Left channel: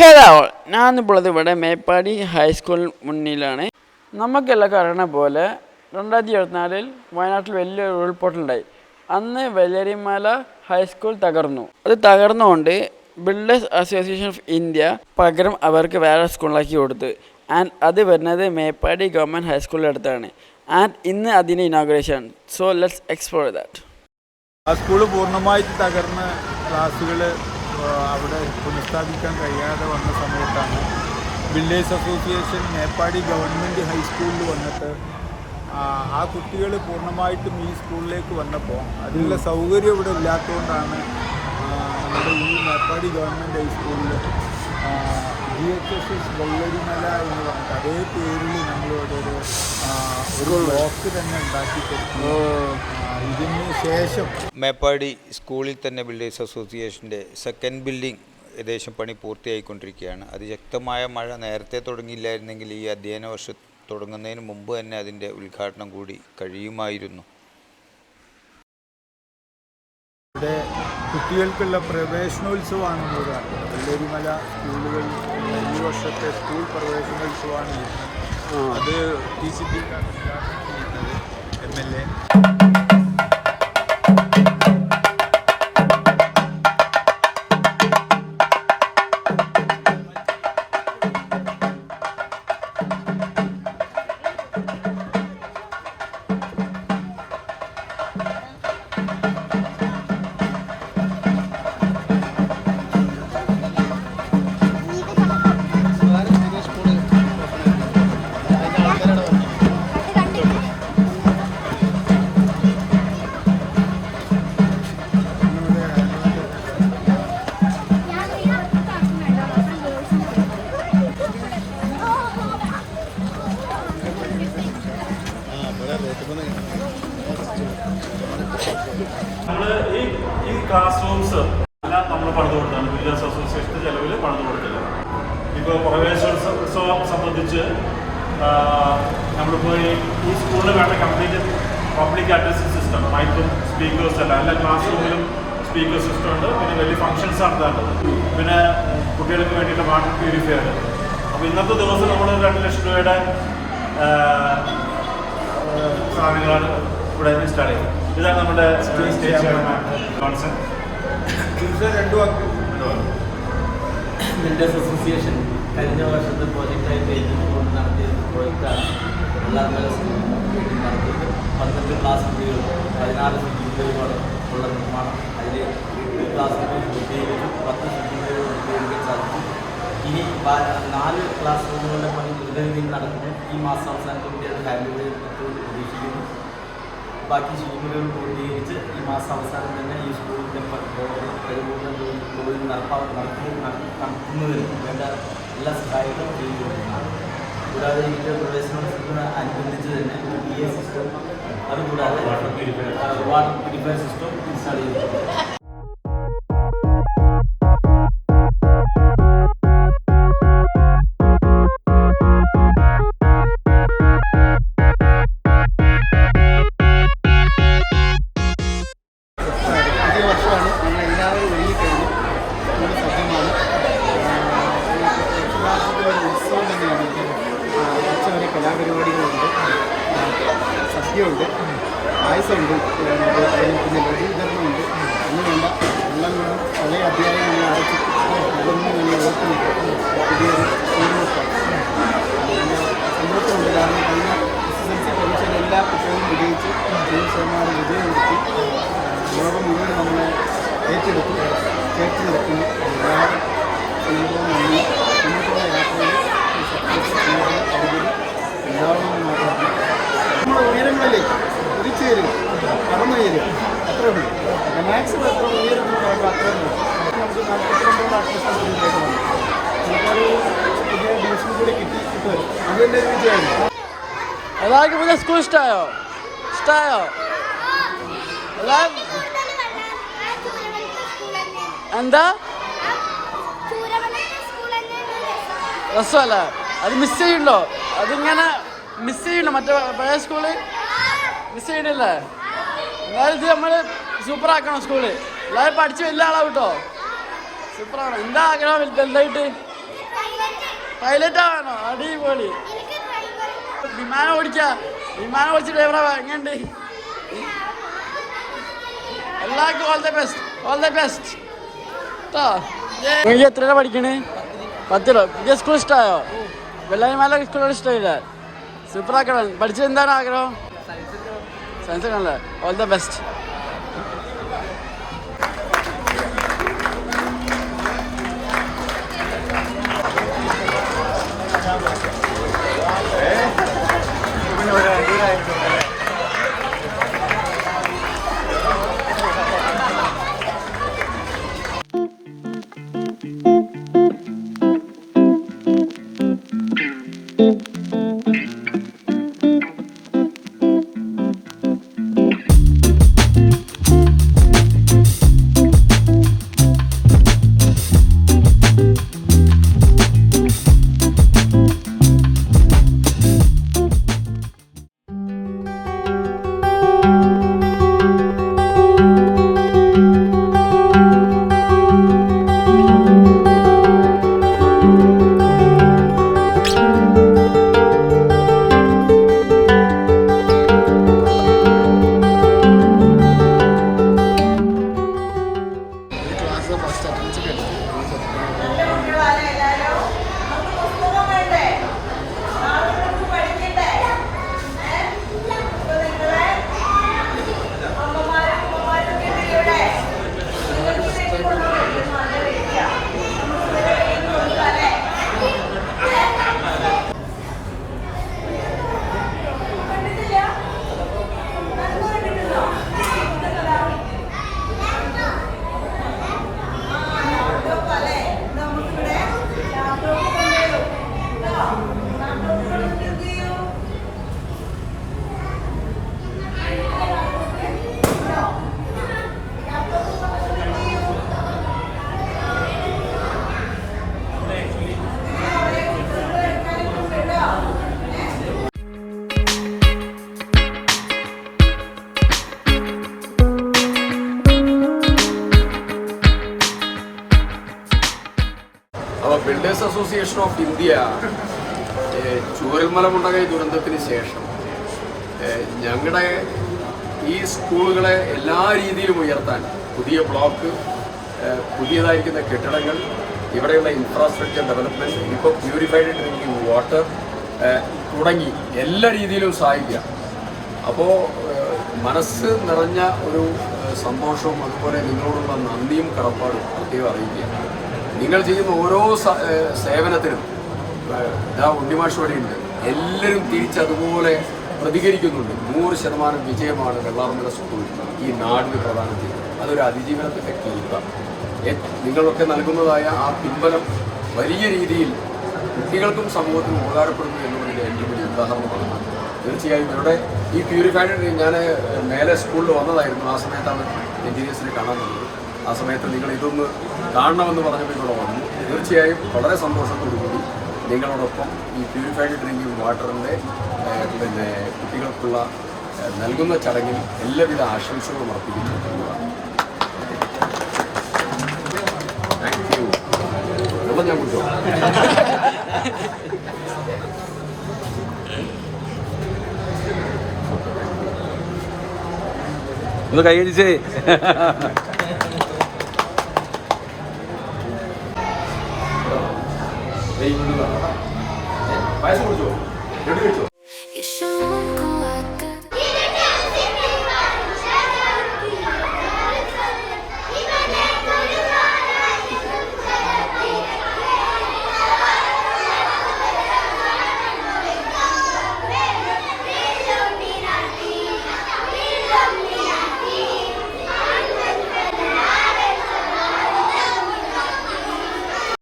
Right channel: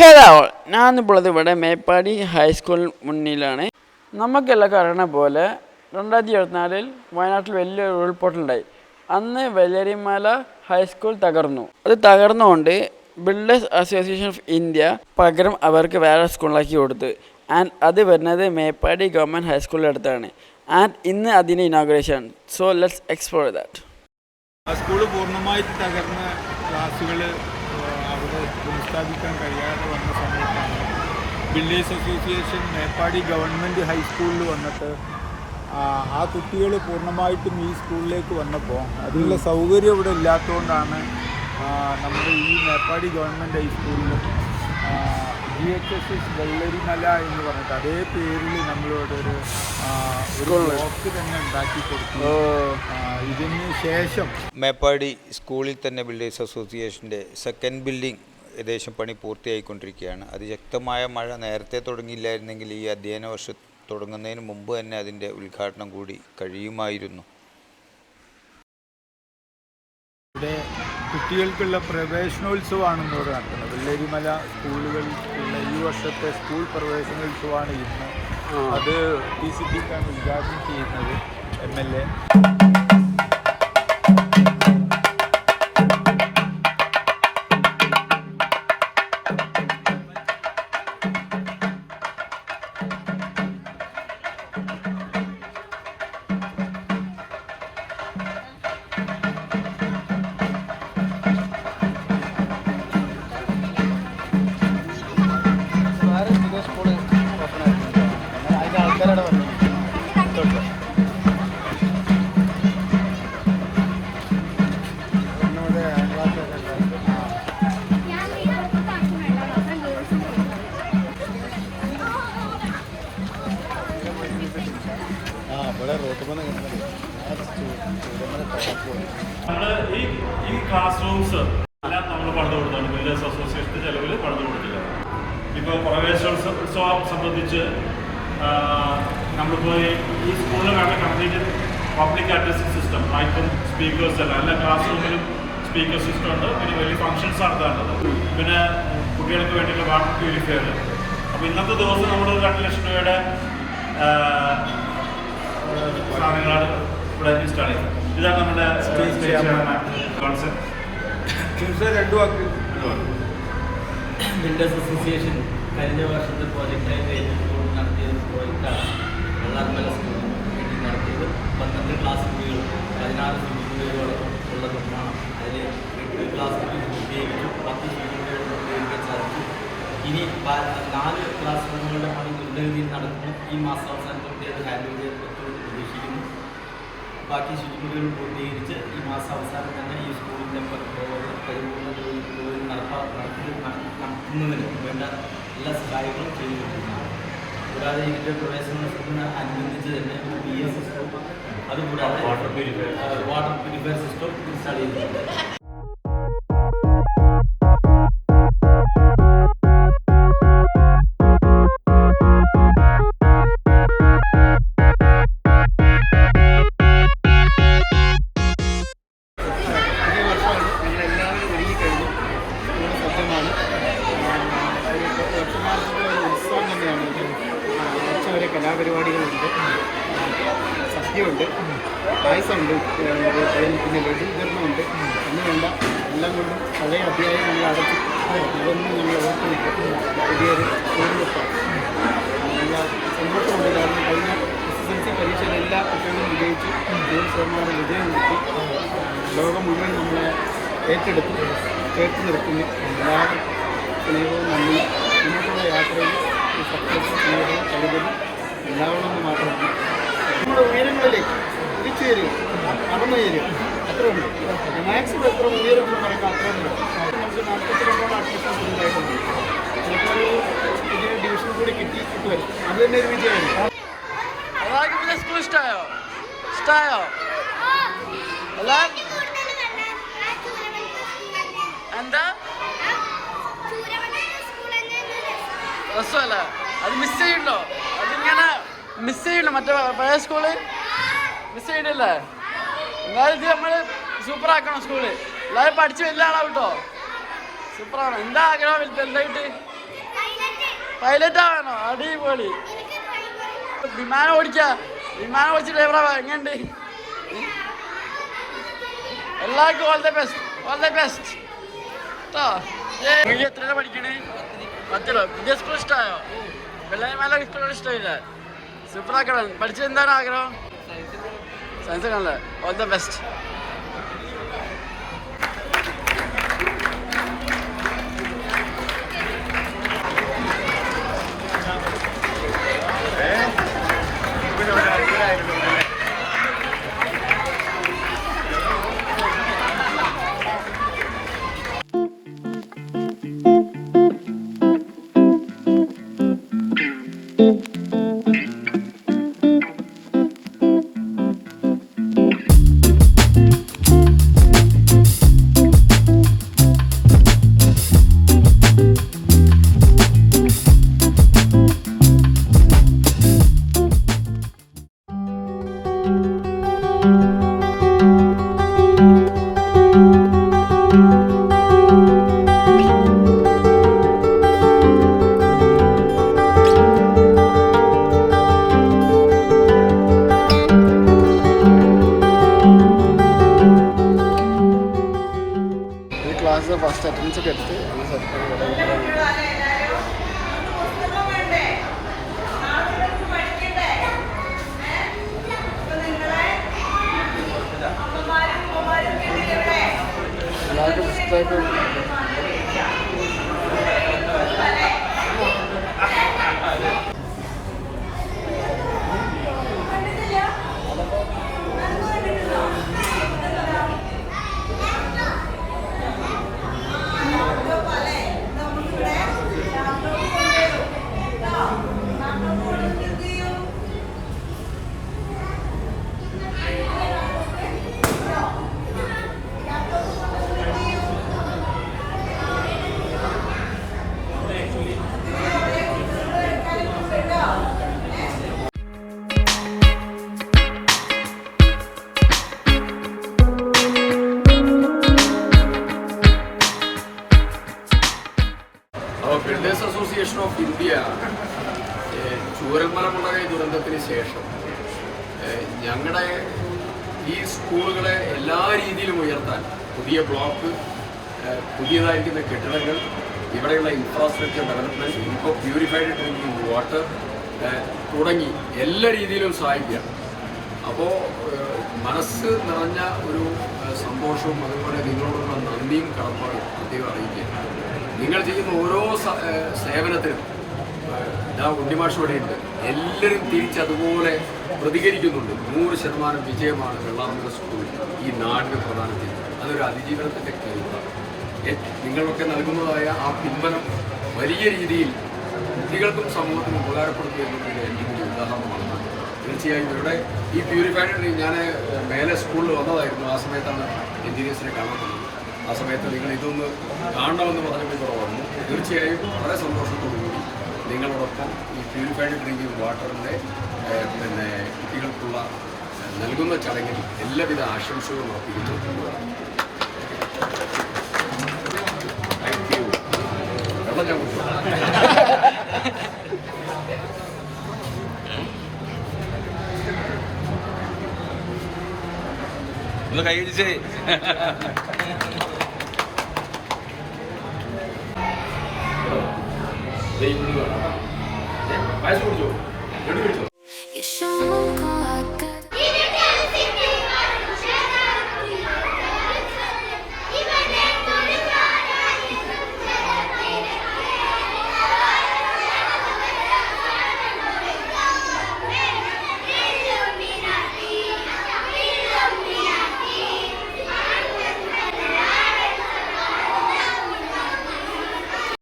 Hello, ഞാനിപ്പോൾ ഇവിടെ Meppadi high school മുന്നിലാണ്. നമുക്കെല്ലാം അറിയണ പോലെ 2024 വയനാട്ടിൽ വലിയൊരു ഉരുൾപൊട്ടലുണ്ടായി. അന്ന് വെള്ളരിമല ഹൈസ്കൂൾ തകർന്നു. അത് തകർന്നുകൊണ്ട് ബിൽഡേഴ്സ് അസോസിയേഷൻ ഓഫ് ഇന്ത്യ പകരം അവർക്ക് വേറെ സ്കൂളിലാക്കി കൊടുത്തു. ആൻഡ് അത് വരുന്നത് മേപ്പാടി ഗവൺമെൻറ് ഹൈസ്കൂളിൻ്റെ അടുത്താണ്. ആൻഡ് ഇന്ന് അതിൻ്റെ inauguration. So let's explore that. ആ സ്കൂള് പൂർണ്ണമായിട്ട് തകർന്ന ക്ലാസ്സുകൾ അവിടെ പുനഃസ്ഥാപിക്കാൻ കഴിയാതെ വന്ന സമയത്താണ് ബിൽഡേഴ്സ് അസോസിയേഷൻ മേപ്പാടി ഗവൺമെൻറ് ഹൈസ്കൂളിൽ വന്നിട്ട് ആ കുട്ടികൾ പൂർണ്ണമായിട്ടും ഈ സ്കൂളിലേക്ക് വന്നപ്പോൾ അതിനുള്ള സൗകര്യം ഇവിടെ ഇല്ലാത്തതുകൊണ്ടാണ് നമ്മുടെ ഈ മേപ്പാടി ഗവൺമെൻറ് ഹൈസ്കൂളിൽ GHSS വെള്ളരിമല എന്ന് പറഞ്ഞിട്ട് അതേ പേരിൽ നമ്മളിവിടെ ഒരു ബ്ലോക്ക് തന്നെ ഉണ്ടാക്കി കൊടുത്തു. ഇതിന് ശേഷം മേപ്പാടി സ്കൂളിൽ തന്നെ ബിൽഡേഴ്സ് അസോസിയേഷൻ്റെ സെക്കൻഡ് ബിൽഡിംഗ് ഏകദേശം പണി പൂർത്തിയായിക്കൊണ്ടിരിക്കുകയാണ്. അതിശക്തമായ മഴ നേരത്തെ തുടങ്ങിയില്ലായിരുന്നെങ്കിൽ ഈ അധ്യയന വർഷം തുടങ്ങുന്നതിന് മുമ്പ് തന്നെ അതിൻ്റെ ഉദ്ഘാടനം കൂടി കഴിയുമായിരുന്നു. ഇവിടെ കുട്ടികൾക്കുള്ള പ്രവേശനോത്സവമാണ് ഇവിടെ നടക്കുന്നത്. വെള്ളരിമല സ്കൂളുകളിൽ ഈ വർഷത്തെ സ്കൂൾ പ്രവേശനോത്സവമാണ് അത് TCP എന്നല്ലേ. നമ്മൾ ഈ ക്ലാസ് റൂംസ് എല്ലാം നമ്മൾ പണിത് കൊടുത്താണ്. ബിൽഡേഴ്സ് അസോസിയേഷൻ്റെ ചിലവിൽ പണിത് കൊടുത്തില്ല. ഇപ്പോൾ പ്രവേശനോത്സവം സംബന്ധിച്ച് നമ്മളിപ്പോൾ ഈ സ്കൂളിൽ വേണ്ട കംപ്ലീറ്റ് പബ്ലിക് അഡ്രസ്സിംഗ് സിസ്റ്റം, മൈക്കും സ്പീക്കേഴ്സ് എല്ലാം എല്ലാ ക്ലാസ് റൂമിലും സ്പീക്കർ സിസ്റ്റം ഉണ്ട്. പിന്നെ വലിയ ഫംഗ്ഷൻസ് നടത്താറുണ്ട്. പിന്നെ കുട്ടികൾക്ക് വേണ്ടിയിട്ട് വാട്ടർ പ്യൂരിഫയർ. അപ്പോൾ ഇന്നത്തെ ദിവസം നമ്മൾ 2 ലക്ഷം രൂപയുടെ സാധനങ്ങളാണ് ഇവിടെ ഇൻസ്റ്റാൾ ചെയ്യുന്നത്. ഇതാണ് നമ്മുടെ കോൺസെപ്റ്റ്. ബിൽഡേഴ്സ് അസോസിയേഷൻ കഴിഞ്ഞ വർഷത്തെ പ്രോജക്റ്റായി കഴിഞ്ഞിട്ട് നടത്തിയിരുന്ന പ്രോജക്റ്റാണ് വെള്ളാർമല വീട്ടിൽ നടത്തിയത്. 12 ക്ലാസ് മുറികൾ 14 മുറികളോട് ഉള്ള നിർമ്മാണം. അതിൽ 8 ക്ലാസ് മുറി പൂർത്തീകരിച്ചു, 10 മുറികൾ പൂർത്തീകരിക്കാൻ സാധിച്ചു. ഇനി 4 ക്ലാസ് റൂമുകളുടെ പണി ദ്രുതഗതിയിൽ നടക്കുന്നു. ഈ മാസം അവസാനത്തോടെ അത് ഹാൻഡ് പ്രതീക്ഷിക്കുന്നു. ബാക്കി ശുചിമുറികൾ പൂർത്തീകരിച്ച് ഈ മാസം അവസാനം തന്നെ ഈ സ്കൂളിൻ്റെ പരിപൂർണ്ണ തൊഴിൽ നടത്തുന്നതിന് വേണ്ട എല്ലാ സഹായങ്ങളും ചെയ്തു കൊടുക്കുന്നതാണ്. കൂടാതെ ഇതിൻ്റെ പ്രവേശനോത്സവത്തിന് അനുബന്ധിച്ച് തന്നെ ഒരു PA സിസ്റ്റം, അതുകൂടാതെ വാട്ടർ പ്യൂരിഫയർ സിസ്റ്റം ഇൻസ്റ്റാൾ ചെയ്തിട്ടുണ്ട്. ഉത്സവം തന്നെയാണ്. ഉച്ചവരെ കലാപരിപാടികളുണ്ട്, സദ്യയുണ്ട്, പായസമുണ്ട്, പിന്നെ ലഡു വിതരണമുണ്ട്. എന്ന് വേണ്ട എല്ലാം കൊണ്ടും പഴയ അധ്യായം നമ്മൾ അടച്ചു അതൊന്നും നമ്മൾ ഓർക്കുന്നില്ല. പുതിയൊരു തൊഴിലുറപ്പാണ്. സന്തോഷമുണ്ട്. കാരണം കഴിഞ്ഞ SSLC പരീക്ഷയിൽ എല്ലാ കുട്ടികളും വിജയിച്ച് 100% വിജയം കിട്ടി. ലോകം മുഴുവൻ നമ്മളെ ഏറ്റെടുത്തു, ചേർത്ത് നിർത്തുന്നു. എല്ലാവരും സ്നേഹവും നന്ദി. മുന്നോട്ടുള്ള യാത്രയിൽ ഈ സപ്പോർട്ട്, സ്നേഹവും കരുതലും ഉണ്ടാവണമെന്ന് മാത്രമാണ്. നമ്മൾ ഉയരങ്ങളിലേക്ക് കുതിച്ചു തരിക, പറന്നു തരിക, അത്രേ ഉള്ളൂ. മാക്സിമം എത്ര ഉയരത്തിൽ പറയുമ്പോൾ അത്രയും ഉള്ളൂ. നമുക്ക് 42 അഡ്മിഷൻ പുതിയതായിട്ട് വന്നു. നമുക്കൊരു പുതിയ ഡിവിഷൻ കൂടി കിട്ടി വരും. അത് തന്നെ ഒരു വിജയമാണ്. എല്ലാവർക്കും പുതിയ സ്കൂൾ ഇഷ്ടമായോ? എന്താ രസമല്ലേ? അത് മിസ് ചെയ്യണ്ടോ? അതിങ്ങനെ മിസ് ചെയ്യണോ? മറ്റേ പഴയ സ്കൂള് മിസ് ചെയ്യണില്ലേ? എന്നാലും ഇത് നമ്മൾ സൂപ്പറാക്കണം. സ്കൂള് എല്ലാവരും പഠിച്ച് വലിയ ആളാവും കേട്ടോ. സൂപ്പറാണ്. എന്താ ആഗ്രഹം വലുതായിട്ട്? പൈലറ്റ് ആവാനോ? അടിപൊളി. വിമാനം ഓടിച്ച് ഡ്രൈവറാ. എങ്ങനെയുണ്ട്? എല്ലാവർക്കും ഓൾ ദ ബെസ്റ്റ്. കേട്ടോ. നിങ്ങൾ എത്രയാണ് പഠിക്കണേ? 10. പുതിയ സ്കൂൾ ഇഷ്ടമായോ? വെള്ളരിമല സ്കൂളോട് ഇഷ്ടമില്ല? സൂപ്പറാക്കണം. പഠിച്ചത് എന്താണ് ആഗ്രഹം? സയൻസ് ആണല്ലേ? All the best. Class first attendance ഒക്കെ എടുത്ത് എല്ലാവർക്കും പുസ്തകം builders association of India Chooralmala Mundakai ദുരന്തത്തിന് ശേഷം ഞങ്ങളുടെ ഈ സ്കൂളുകളെ എല്ലാ രീതിയിലും ഉയർത്താൻ പുതിയ ബ്ലോക്ക്, പുതിയതായിരിക്കുന്ന കെട്ടിടങ്ങൾ, ഇവിടെയുള്ള ഇൻഫ്രാസ്ട്രക്ചർ ഡെവലപ്മെൻറ്റ്, ഇപ്പോൾ പ്യൂരിഫൈഡ് ഡ്രിങ്കിങ് വാട്ടർ തുടങ്ങി എല്ലാ രീതിയിലും സഹായിക്കുക. അപ്പോൾ മനസ്സ് നിറഞ്ഞ ഒരു സന്തോഷവും അതുപോലെ നിങ്ങളോടുള്ള നന്ദിയും കടപ്പാടും പ്രത്യേകം അറിയിക്കുക. നിങ്ങൾ ചെയ്യുന്ന ഓരോ സേവനത്തിനും ഉണ്ണിമാഷോടെയുണ്ട്. എല്ലാവരും തിരിച്ചതുപോലെ പ്രതികരിക്കുന്നുണ്ട്. 100% വിജയമാണ് വെള്ളാർമല സ്കൂൾ ഈ നാടിന് പ്രധാനം ചെയ്യുന്നത്. അതൊരു അതിജീവനത്തിൻ്റെ കേന്ദ്രമാണ്. നിങ്ങളൊക്കെ നൽകുന്നതായ ആ പിൻബലം വലിയ രീതിയിൽ കുട്ടികൾക്കും സമൂഹത്തിനും ഉപകാരപ്പെടുന്നു എന്നതിന് എൻ്റെ ഒരു ഉദാഹരണമാണ്. തീർച്ചയായും ഇവിടെ ഈ പ്യൂരിഫൈഡ് ഞാൻ മേലെ സ്കൂളിൽ വന്നതായിരുന്നു. ആ സമയത്താണ് NDS കാണാൻ വന്നത്. ആ സമയത്ത് നിങ്ങൾ ഇതൊന്ന് കാണണമെന്ന് പറഞ്ഞപ്പോൾ ഇവിടെ വന്നു. തീർച്ചയായും വളരെ സന്തോഷത്തോടുകൂടി നിങ്ങളോടൊപ്പം ഈ പ്യൂരിഫൈഡ് ഡ്രിങ്കിങ് വാട്ടറിൻ്റെ കുട്ടികൾക്കുള്ള നൽകുന്ന ചടങ്ങിൽ എല്ലാവിധ ആശംസകളും അർപ്പിക്കുന്നു. Thank you. വെള്ളം ഞാൻ കുടിച്ചോളാം. കൈയടിച്ചേ. പായസം കുടിച്ചോ? എവിടെ കുടിച്ചോ?